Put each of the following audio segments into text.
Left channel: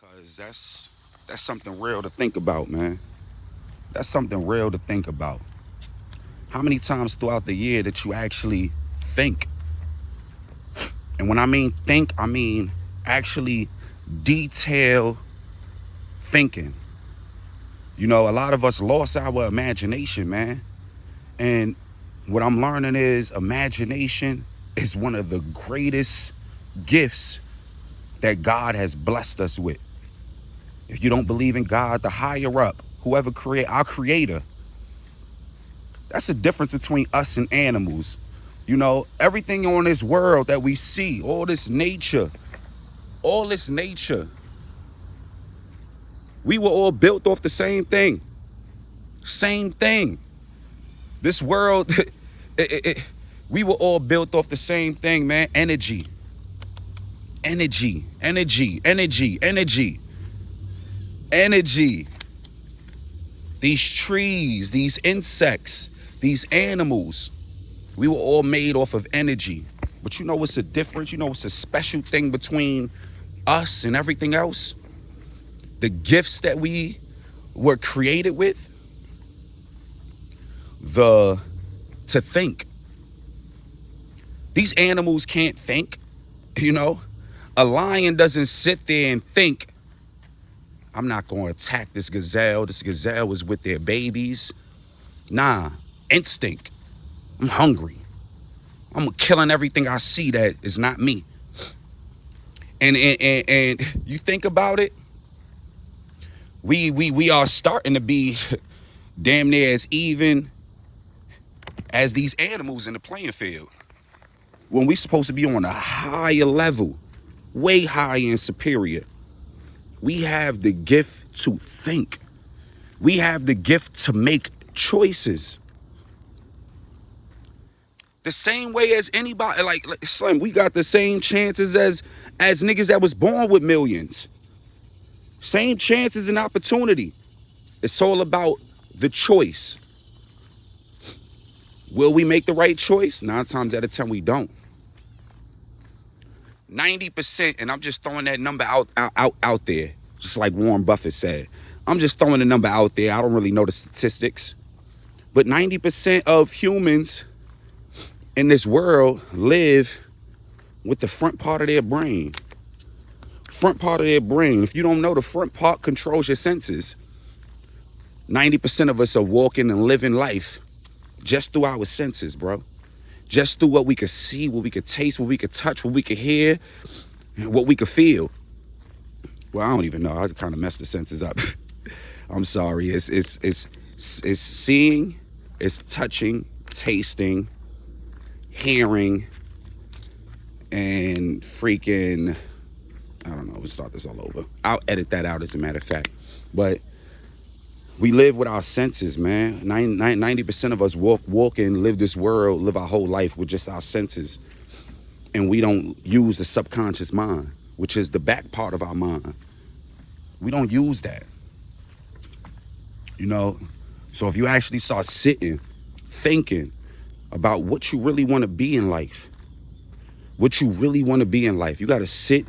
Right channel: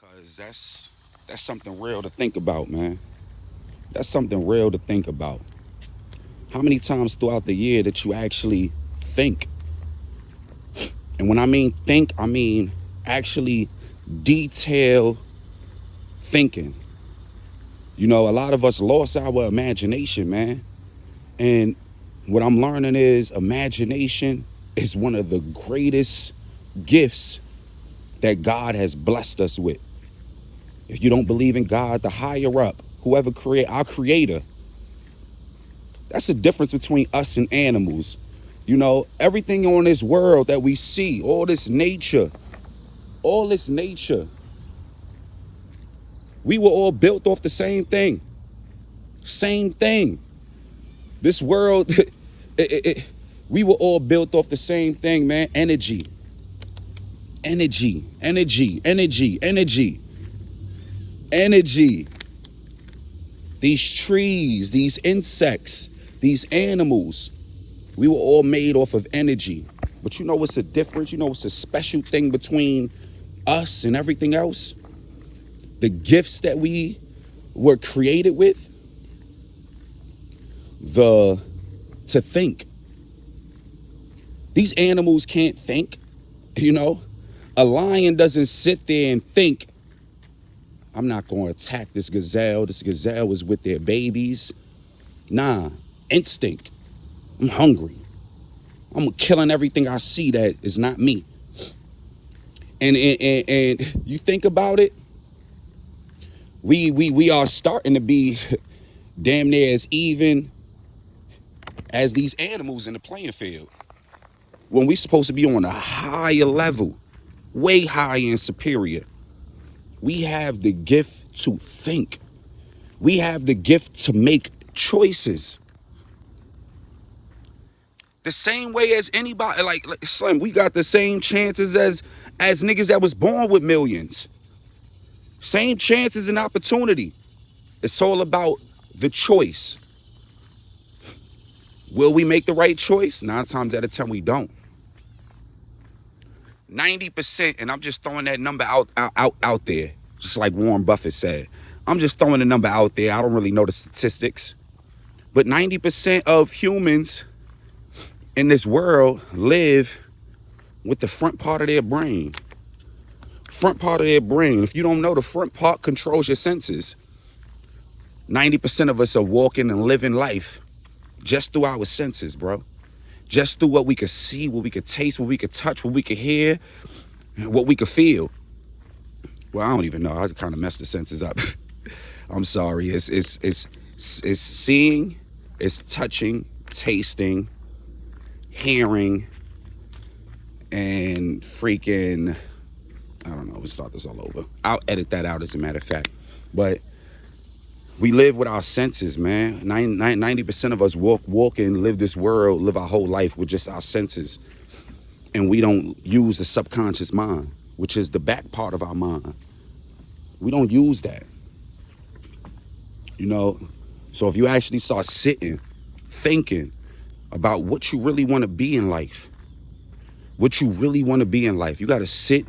Cause that's something real to think about, man. That's something real to think about. How many times throughout the year that you actually think? And when I mean think, I mean actually detail thinking. You know, a lot of us lost our imagination, man. And what I'm learning is imagination is one of the greatest gifts that God has blessed us with. If you don't believe in God, the higher up, whoever create our creator, that's the difference between us and animals. You know, everything on this world that we see, all this nature, we were all built off the same thing. Same thing. This world, we were all built off the same thing, man. Energy. Energy. Energy. Energy. Energy. Energy. These trees, these insects, these animals, we were all made off of energy. But you know what's the difference? You know what's a special thing between us and everything else? The gifts that we were created with, to think. These animals can't think, you know? A lion doesn't sit there and think, I'm not going to attack this gazelle. This gazelle is with their babies. Nah, instinct. I'm hungry. I'm killing everything I see that is not me. And you think about it, we are starting to be damn near as even as these animals in the playing field. When we're supposed to be on a higher level, way higher and superior. We have the gift to think. We have the gift to make choices. The same way as anybody, like Slim, we got the same chances as niggas that was born with millions. Same chances and opportunity. It's all about the choice. Will we make the right choice? 9 times out of 10, we don't. 90%, and I'm just throwing that number out there, just like Warren Buffett said. I'm just throwing the number out there. I don't really know the statistics. But 90% of humans in this world live with the front part of their brain. Front part of their brain. If you don't know, the front part controls your senses. 90% of us are walking and living life just through our senses, bro. Just through what we could see, what we could taste, what we could touch, what we could hear, and what we could feel. Well, I don't even know. I kind of messed the senses up. I'm sorry. It's seeing, it's touching, tasting, hearing, and freaking, I don't know. Let's start this all over. I'll edit that out as a matter of fact. But we live with our senses, man. 90% of us walk and live this world, live our whole life with just our senses. And we don't use the subconscious mind, which is the back part of our mind. We don't use that. You know, so if you actually start sitting, thinking about what you really want to be in life, you got to sit,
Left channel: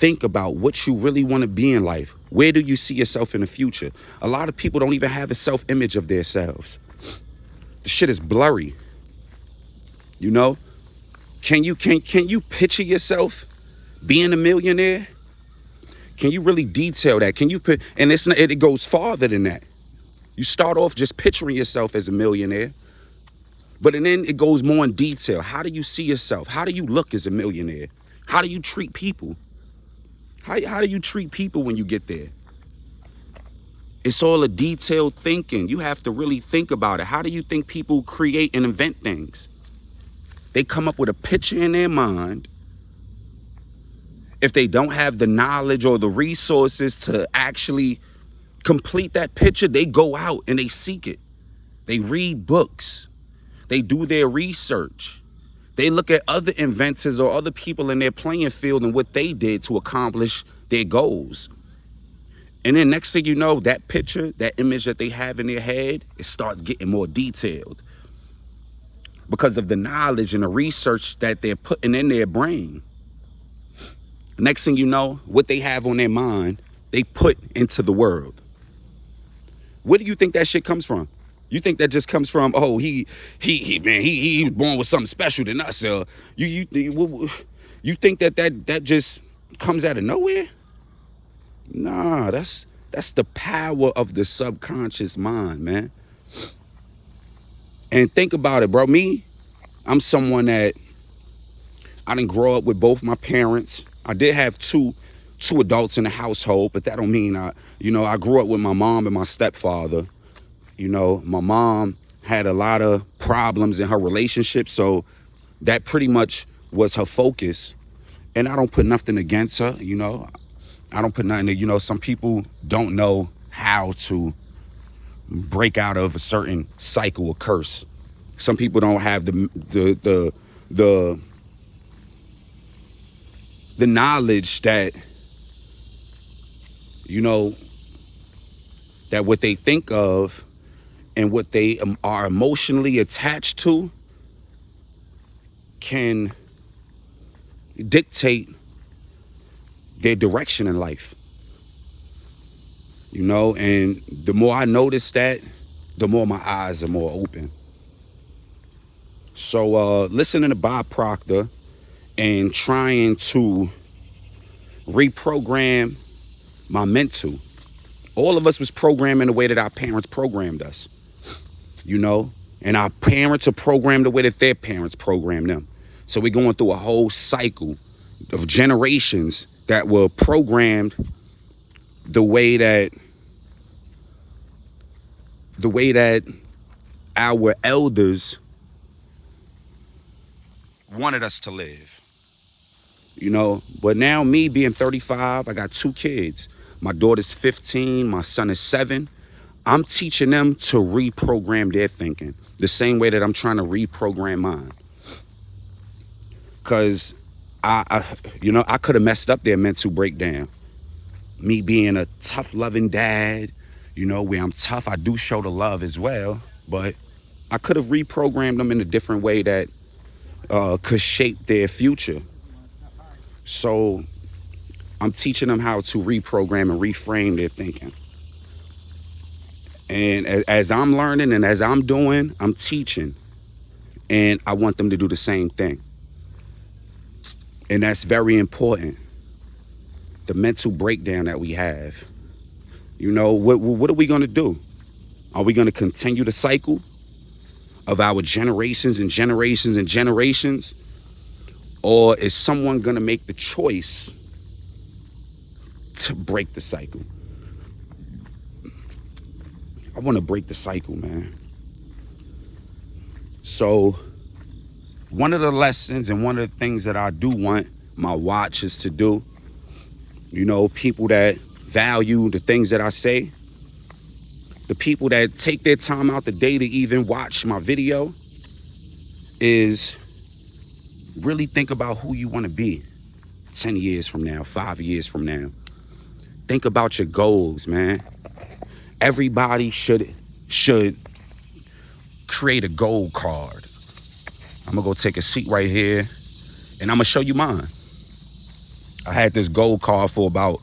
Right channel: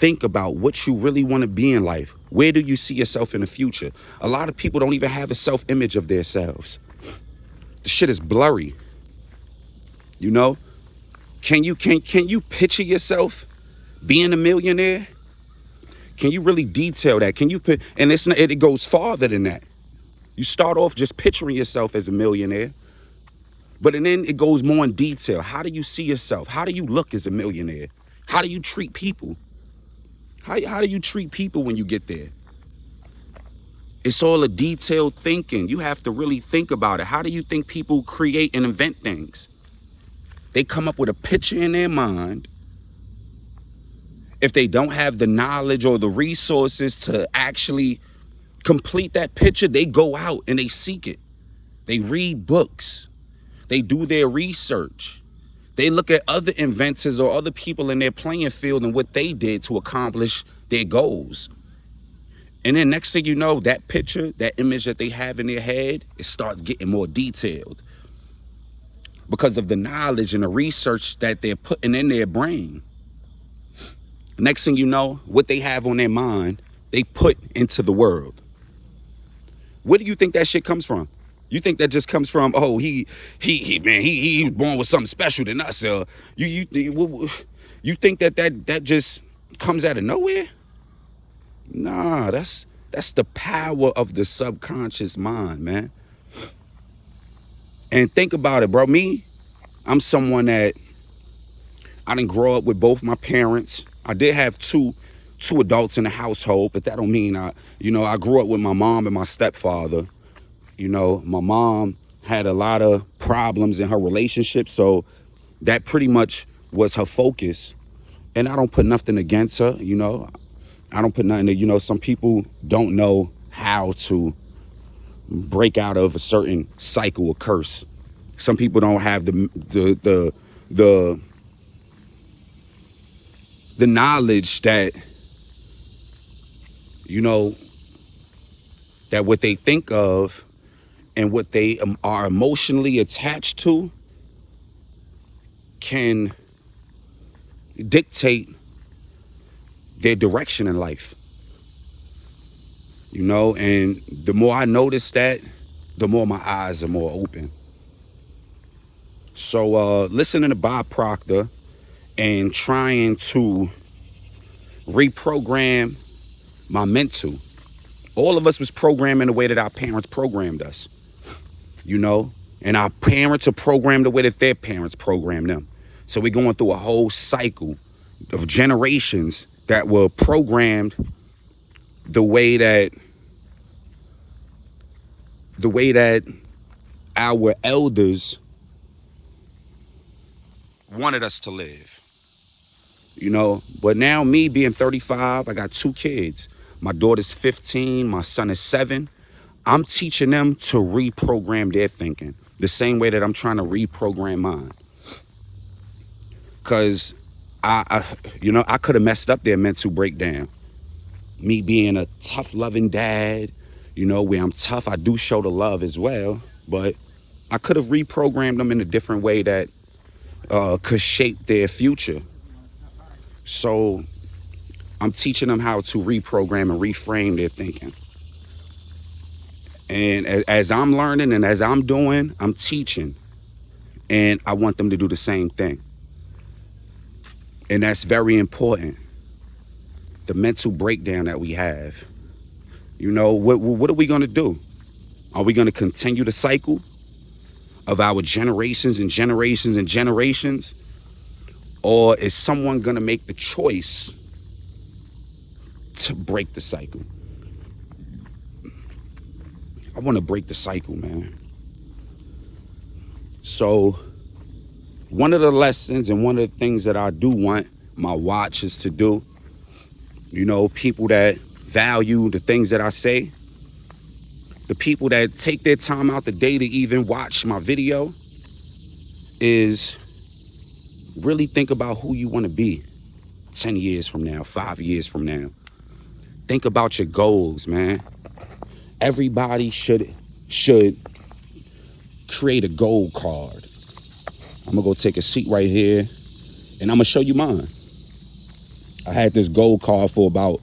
think about what you really want to be in life. Where do you see yourself in the future? A lot of people don't even have a self-image of themselves. The shit is blurry. You know? Can you picture yourself being a millionaire? Can you really detail that? Can you put, and it goes farther than that. You start off just picturing yourself as a millionaire, but then it goes more in detail. How do you see yourself? How do you look as a millionaire? How do you treat people? How do you treat people when you get there? It's all a detailed thinking. You have to really think about it. How do you think people create and invent things? They come up with a picture in their mind. If they don't have the knowledge or the resources to actually complete that picture, they go out and they seek it. They read books. They do their research. They look at other inventors or other people in their playing field and what they did to accomplish their goals. And then next thing you know, that picture, that image that they have in their head, it starts getting more detailed because of the knowledge and the research that they're putting in their brain. Next thing you know, what they have on their mind they put into the world. Where do you think that shit comes from? You think that just comes from, oh, he's born with something special than us? You think that just comes out of nowhere? Nah, that's the power of the subconscious mind, man. And think about it, bro. Me, I'm someone that I didn't grow up with both my parents. I did have two adults in the household, but that don't mean I grew up with my mom and my stepfather. You know, my mom had a lot of problems in her relationship, so that pretty much was her focus. And I don't put nothing against her, you know. I don't put nothing, some people don't know how to break out of a certain cycle or curse. Some people don't have the knowledge that, that what they think of and what they are emotionally attached to can dictate their direction in life. And the more I notice that, the more my eyes are more open. So listening to Bob Proctor and trying to reprogram my mental. All of us was programmed in the way that our parents programmed us, and our parents are programmed the way that their parents programmed them. So we're going through a whole cycle of generations that were programmed the way that our elders wanted us to live. But now, me being 35, I got 2 kids. My daughter's 15, my son is 7. I'm teaching them to reprogram their thinking the same way that I'm trying to reprogram mine. Because I could have messed up their mental breakdown. Me being a tough, loving dad, where I'm tough, I do show the love as well, but I could have reprogrammed them in a different way that could shape their future. So I'm teaching them how to reprogram and reframe their thinking. And as I'm learning and as I'm doing, I'm teaching. And I want them to do the same thing. And that's very important. The mental breakdown that we have. What are we going to do? Are we going to continue the cycle of our generations and generations and generations? Or is someone going to make the choice to break the cycle? I want to break the cycle, man. So one of the lessons and one of the things that I do want my watchers to do, people that value the things that I say, the people that take their time out the day to even watch my video, is really think about who you want to be 10 years from now, 5 years from now. Think about your goals, man. Everybody should create a goal card. I'm gonna go take a seat right here and I'm gonna show you mine. I had this goal card for about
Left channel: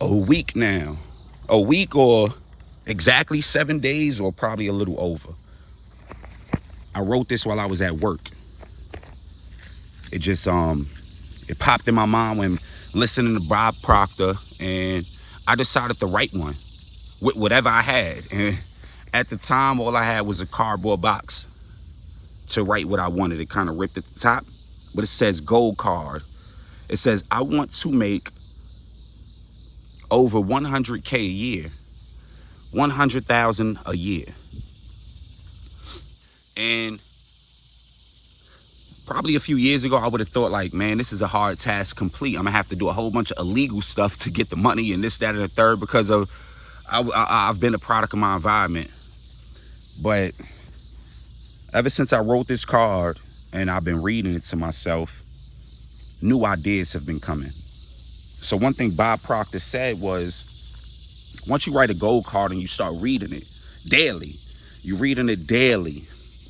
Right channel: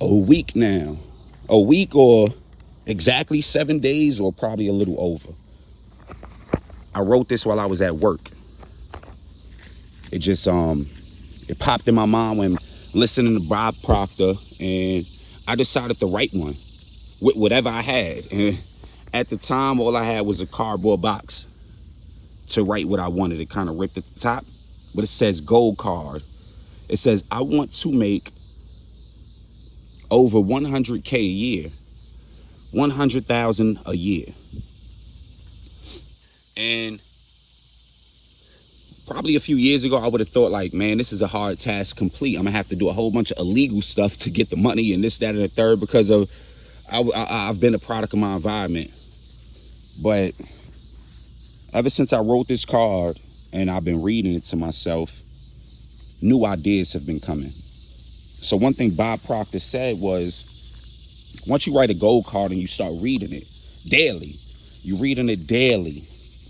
a week now. A week or exactly 7 days or probably a little over. I wrote this while I was at work. It just, it popped in my mind when listening to Bob Proctor, and I decided to write one with whatever I had. And at the time, all I had was a cardboard box to write what I wanted. It kind of ripped at the top, but it says gold card. It says, I want to make over 100K a year, 100,000 a year. And probably a few years ago, I would have thought like, man, this is a hard task to complete. I'm gonna have to do a whole bunch of illegal stuff to get the money and this, that, and the third, because of I've been a product of my environment. But ever since I wrote this card and I've been reading it to myself, new ideas have been coming. So one thing Bob Proctor said was, once you write a goal card and you start reading it daily,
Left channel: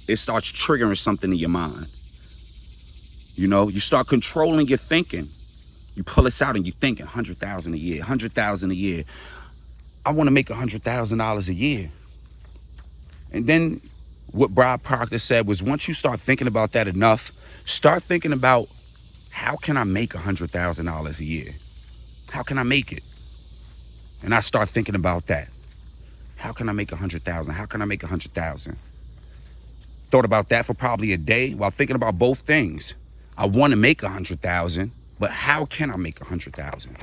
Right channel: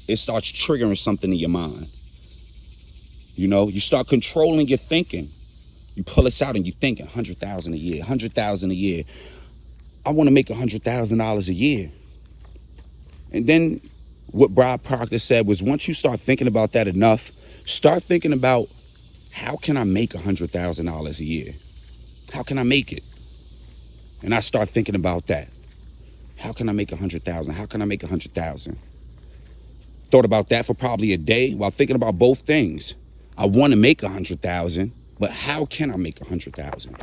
it starts triggering something in your mind. You start controlling your thinking. You pull this out and you think 100,000 a year, 100,000 a year. I want to make $100,000 a year. And then what Bob Proctor said was, once you start thinking about that enough, start thinking about, how can I make $100,000 a year? How can I make it? And I start thinking about that. How can I make 100,000? How can I make 100,000? Thought about that for probably a day while thinking about both things. I want to make 100,000, but how can I make 100,000?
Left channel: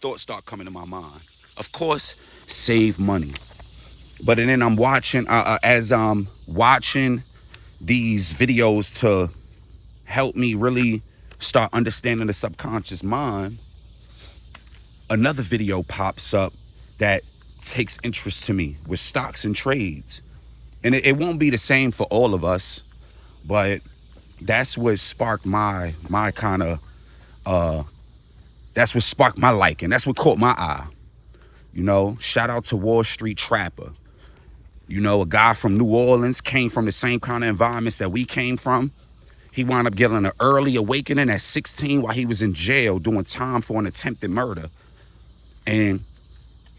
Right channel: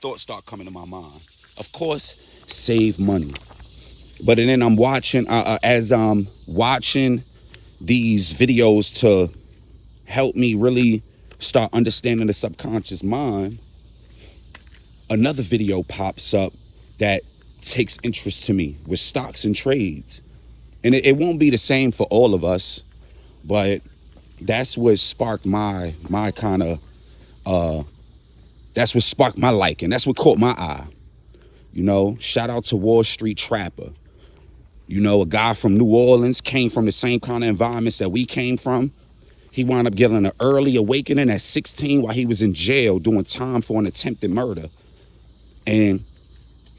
Thoughts start coming to my mind. Of course, save money. But then I'm watching, as I'm watching these videos to help me really start understanding the subconscious mind, another video pops up that takes interest to me with stocks and trades. And it won't be the same for all of us, but that's what sparked my kind of, that's what sparked my liking. That's what caught my eye. You know, shout out to Wall Street Trapper. You know, a guy from New Orleans, came from the same kind of environments that we came from. He wound up getting an early awakening at 16 while he was in jail doing time for an attempted murder. And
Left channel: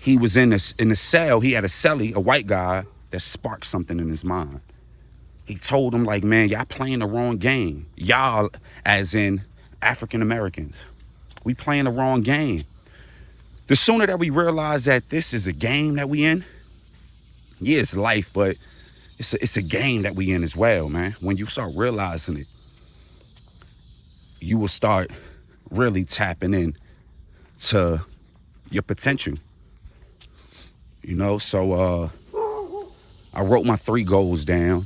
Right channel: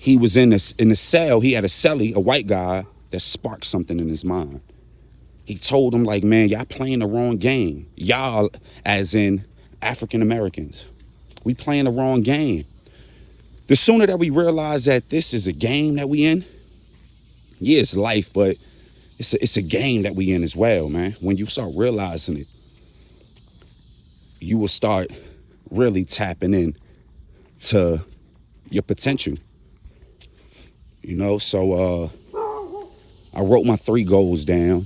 he was in the cell. He had a cellie, a white guy, that sparked something in his mind. He told him, like, man, y'all playing the wrong game. Y'all, as in African Americans, we playing the wrong game. The sooner that we realize that this is a game that we in, yeah, it's life, but it's a game that we in as well, man. When you start realizing it, you will start really tapping in to your potential. You know, so I wrote my 3 goals down.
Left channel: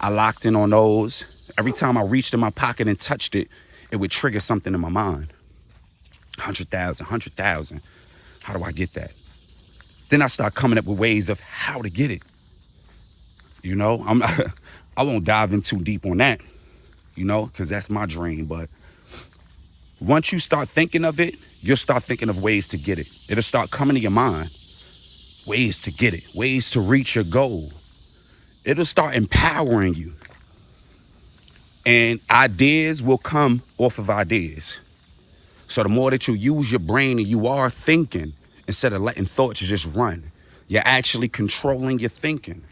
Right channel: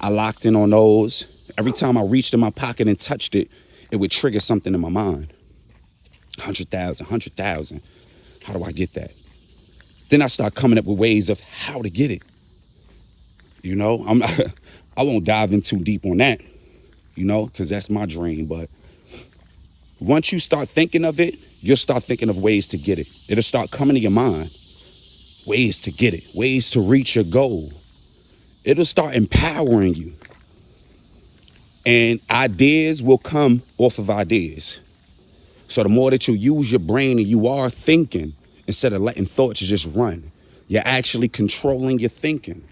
I locked in on those. Every time I reached in my pocket and touched it, it would trigger something in my mind. 100,000, 100,000. How do I get that? Then I start coming up with ways of how to get it. You know, I won't dive in too deep on that, you know, because that's my dream. But once you start thinking of it, you'll start thinking of ways to get it. It'll start coming to your mind. Ways to get it, ways to reach your goal. It'll start empowering you. And ideas will come off of ideas. So the more that you use your brain and you are thinking, instead of letting thoughts just run, you're actually controlling your thinking.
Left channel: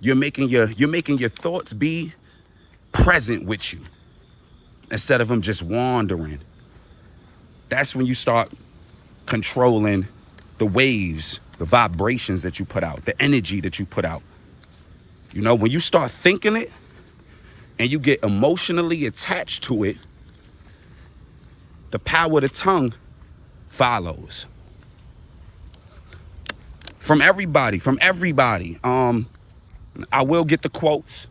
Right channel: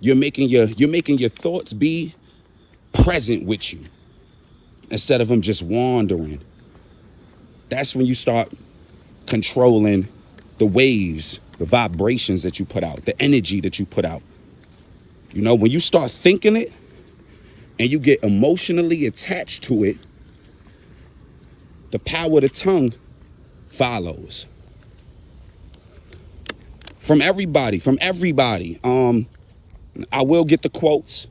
You're making your thoughts be present with you instead of them just wandering. That's when you start controlling the waves, the vibrations that you put out, the energy that you put out. You know, when you start thinking it and you get emotionally attached to it, the power of the tongue follows. From everybody. I will get the quotes,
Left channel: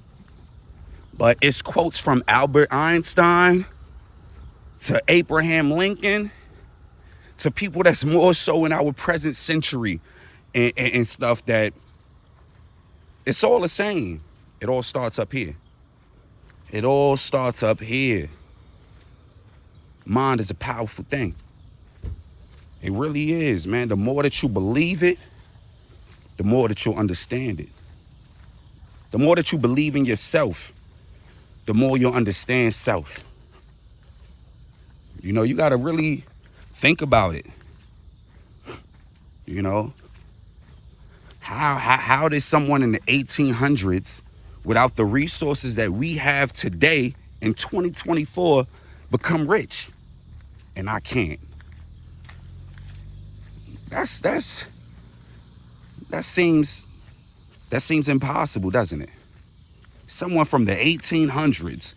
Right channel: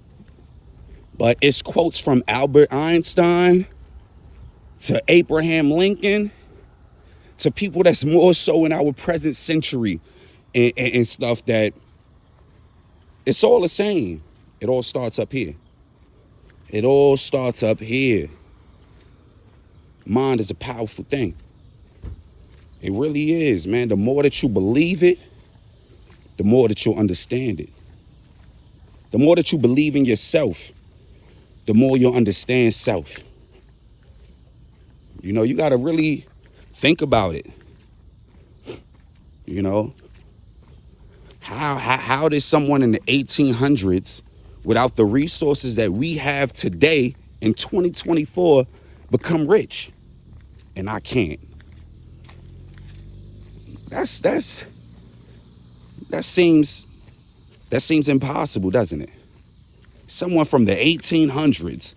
but it's quotes from Albert Einstein to Abraham Lincoln to people that's more so in our present century and stuff, that it's all the same. It all starts up here. It all starts up here. Mind is a powerful thing. It really is, man. The more that you believe it, the more that you'll understand it. The more that you believe in yourself, the more you'll understand self. You know, you got to really think about it. You know, how did someone in the 1800s, without the resources that we have today in 2024, become rich? And I can't. That seems impossible, doesn't it? Someone from the 1800s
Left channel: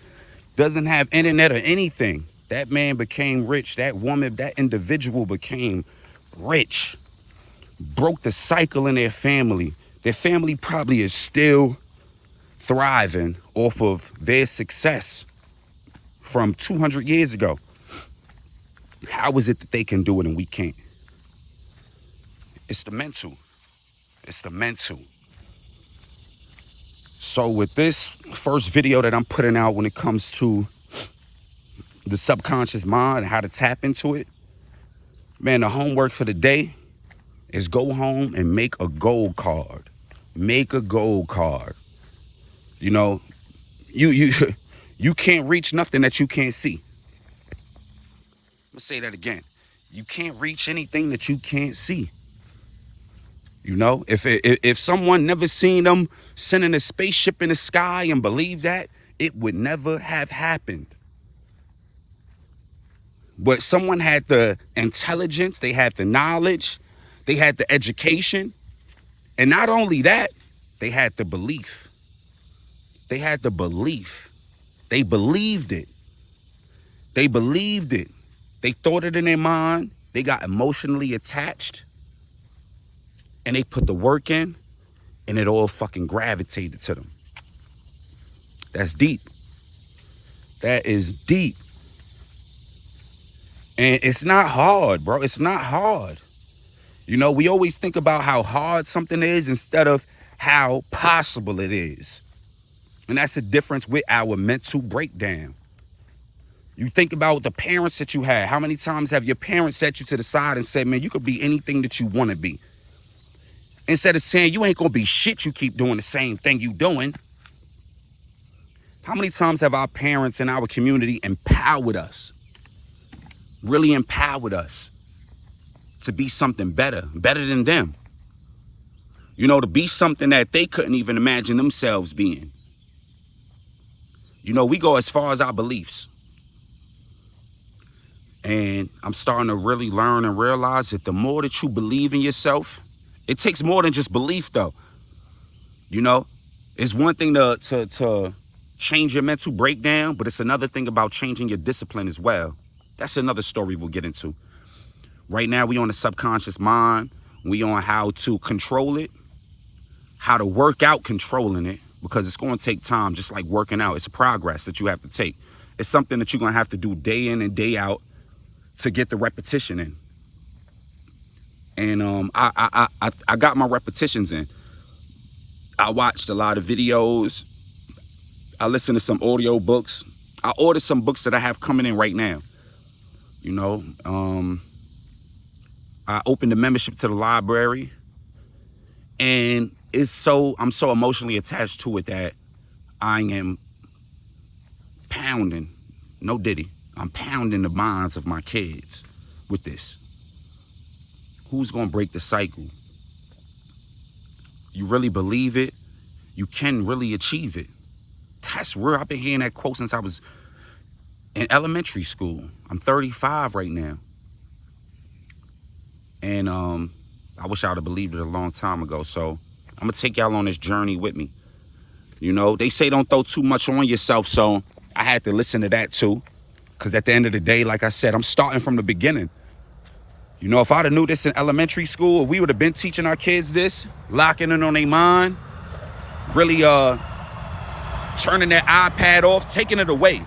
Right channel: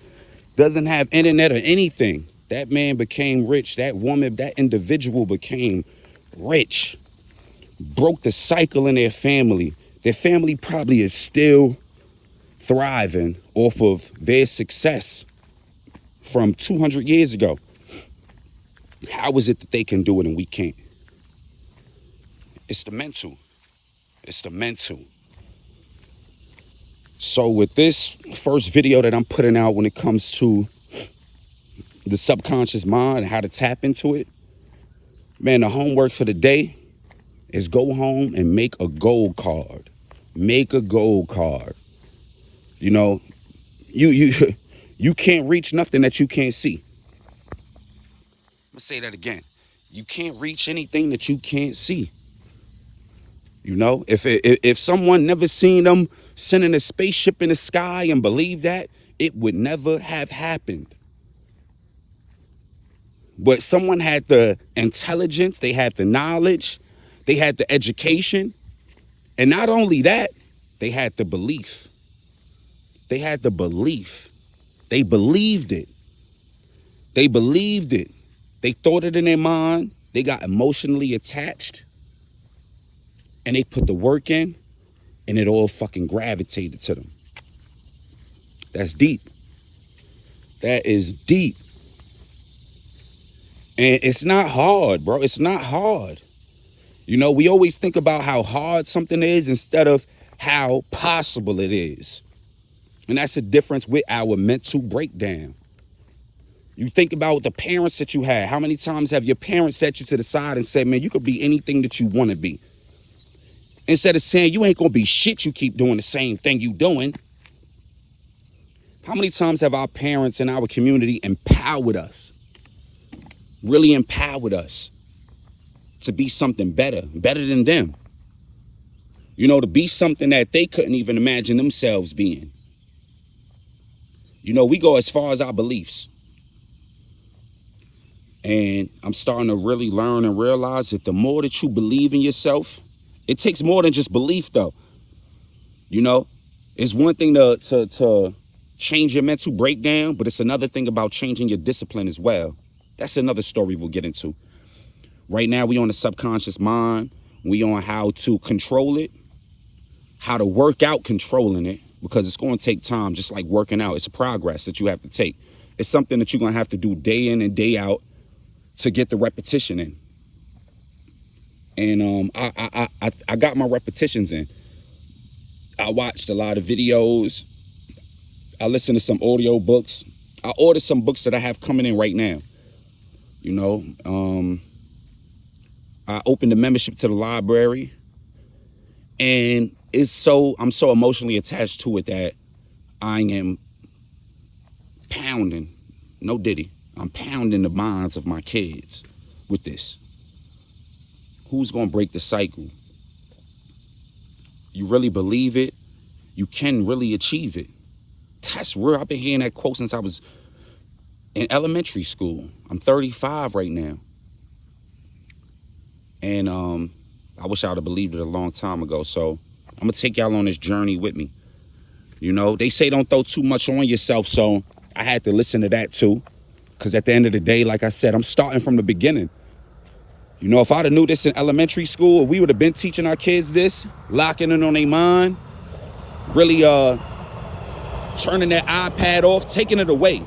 doesn't have internet or anything. That man became rich. That woman, that individual became rich. Broke the cycle in their family. Their family probably is still thriving off of their success from 200 years ago. How is it that they can do it and we can't? It's the mental. It's the mental. So with this first video that I'm putting out when it comes to the subconscious mind and how to tap into it, man, the homework for the day is go home and make a gold card. Make a gold card. You know, you can't reach nothing that you can't see. gonna say that again. You can't reach anything that you can't see. You know, if someone never seen them sending a spaceship in the sky and believed that, it would never have happened. But someone had the intelligence, they had the knowledge, they had the education, and not only that, they had the belief. They had the belief. They believed it. They believed it. They thought it in their mind. They got emotionally attached. And they put the work in, and it all fucking gravitated to them. That's deep. That is deep. And it's not hard, bro. It's not hard. You know, we always think about how hard something is instead of how possible it is. And that's the difference with our mental breakdown. You think about the parents that you had. How many times have your parents set you to the side and said, man, you could be anything that you want to be? Instead of saying, you ain't going to be shit, you keep doing the same thing you doing. How many times have our parents in our community empowered us? Really empowered us to be something better than them. You know, to be something that they couldn't even imagine themselves being. You know, we go as far as our beliefs. And I'm starting to really learn and realize that the more that you believe in yourself, it takes more than just belief, though. You know, it's one thing to change your mental breakdown, but it's another thing about changing your discipline as well. That's another story we'll get into. Right now, we on the subconscious mind. We on how to control it, how to work out controlling it, because it's going to take time, just like working out. It's a progress that you have to take. It's something that you're going to have to do day in and day out to get the repetition in. And I got my repetitions in. I watched a lot of videos. I listened to some audio books. I ordered some books that I have coming in right now. You know, I opened a membership to the library, and I'm so emotionally attached to it that I am pounding, no diddy, I'm pounding the minds of my kids with this. Who's gonna break the cycle? You really believe it? You can really achieve it. That's real. I've been hearing that quote since I was in elementary school. I'm 35 right now. And I wish I would have believed it a long time ago. So I'm gonna take y'all on this journey with me. You know, they say don't throw too much on yourself, so I had to listen to that too. Because at the end of the day, like I said, I'm starting from the beginning. You know, if I'd have knew this in elementary school, if we would have been teaching our kids this, locking it on their mind, really turning their iPad off, taking it away,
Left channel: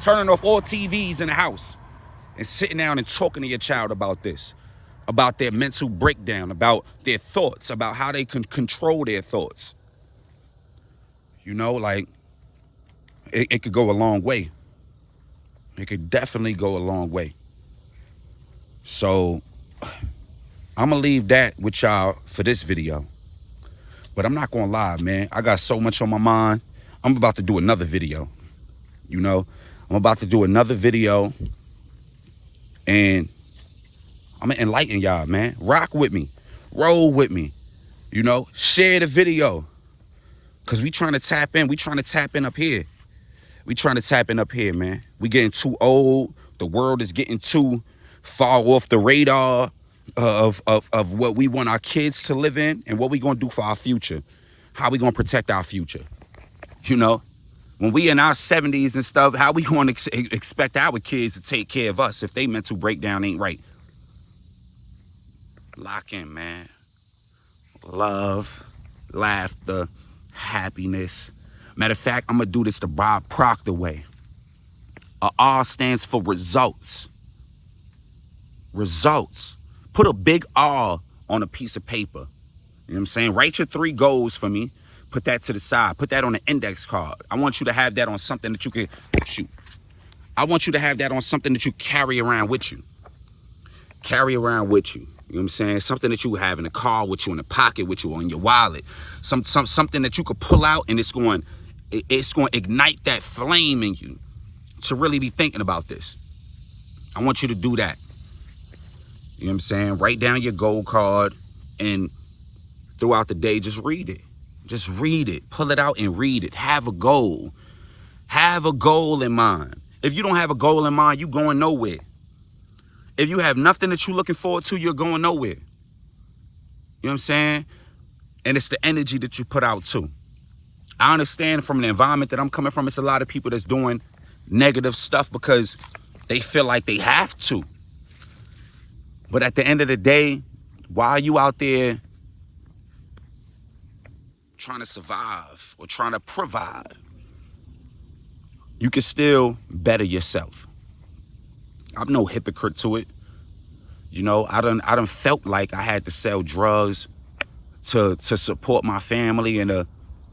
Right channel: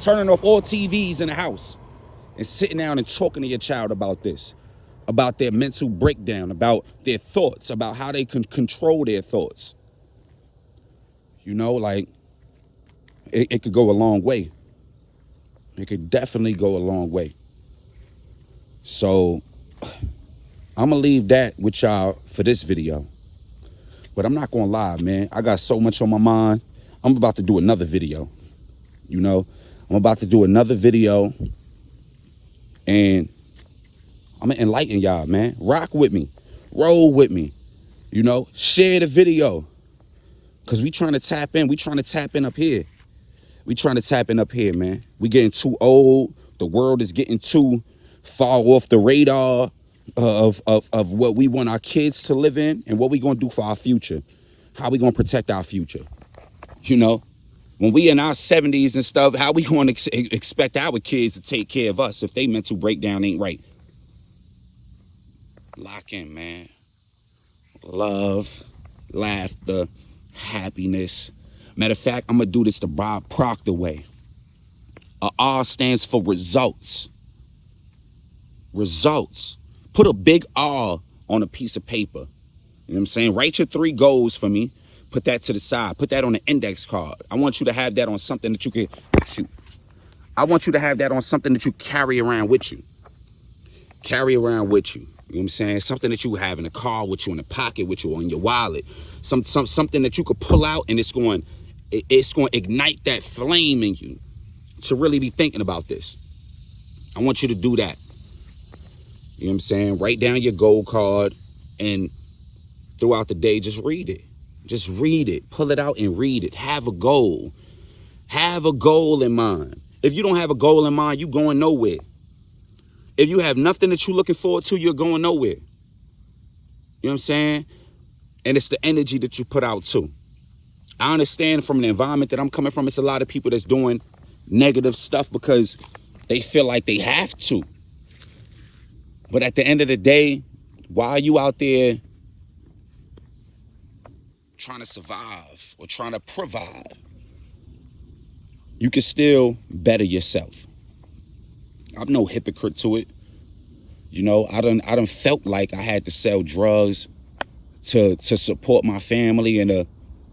turning off all TVs in the house, and sitting down and talking to your child about this, about their mental breakdown, about their thoughts, about how they can control their thoughts. You know, like, it could go a long way. It could definitely go a long way. So, I'm going to leave that with y'all for this video. But I'm not going to lie, man. I got so much on my mind. I'm about to do another video. You know, I'm about to do another video. And I'm going to enlighten y'all, man. Rock with me. Roll with me. You know, share the video. Because we trying to tap in. We trying to tap in up here. We trying to tap in up here, man. We getting too old. The world is getting too far off the radar of what we want our kids to live in and what we going to do for our future. How we going to protect our future. You know, when we in our 70s and stuff, how we going to expect our kids to take care of us if they mental breakdown ain't right? Lock in, man. Love, laughter, happiness. Matter of fact, I'm going to do this the Bob Proctor way. R stands for results. Results. Put a big R on a piece of paper. You know what I'm saying? Write your 3 goals for me. Put that to the side. Put that on an index card. I want you to have that on something that you can shoot. I want you to have that on something that you carry around with you. Carry around with you. You know what I'm saying? Something that you have in the car with you, in the pocket with you, or in your wallet. Something that you could pull out and it's going to ignite that flame in you to really be thinking about this. I want you to do that. You know what I'm saying? Write down your goal card, and throughout the day, just read it. Just read it. Pull it out and read it. Have a goal. Have a goal in mind. If you don't have a goal in mind, you're going nowhere. If you have nothing that you're looking forward to, you're going nowhere. You know what I'm saying? And it's the energy that you put out too. I understand from the environment that I'm coming from, it's a lot of people that's doing negative stuff because they feel like they have to. But at the end of the day, while you out there trying to survive or trying to provide, you can still better yourself. I'm no hypocrite to it. You know, I done felt like I had to sell drugs to support my family and to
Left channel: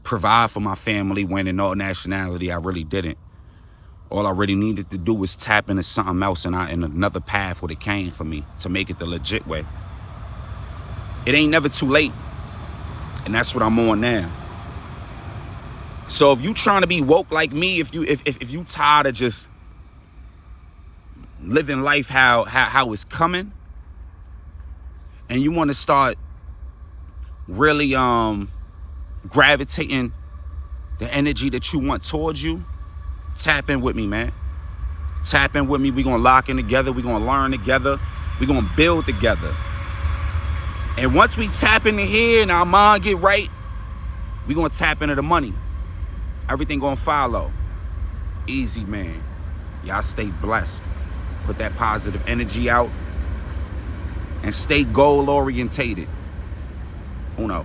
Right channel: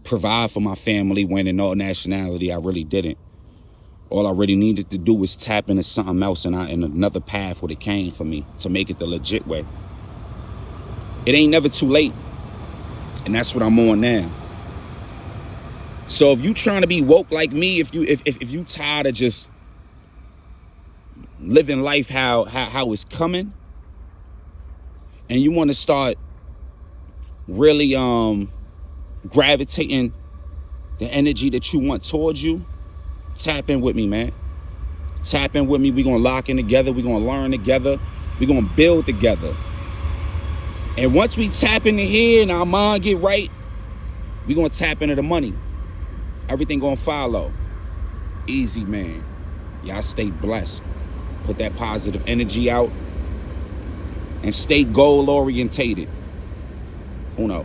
provide for my family, when in all nationality I really didn't. All I really needed to do was tap into something else in another path where it came for me to make it the legit way. It ain't never too late. And that's what I'm on now. So if you trying to be woke like me, if you tired of just living life how it's coming, and you want to start really gravitating the energy that you want towards you, tap in with me, man. Tap in with me. We're going to lock in together. We're going to learn together. We're going to build together. And once we tap into here and our mind get right, we're going to tap into the money. Everything going to follow. Easy, man. Y'all stay blessed. Put that positive energy out and stay goal orientated. Uno.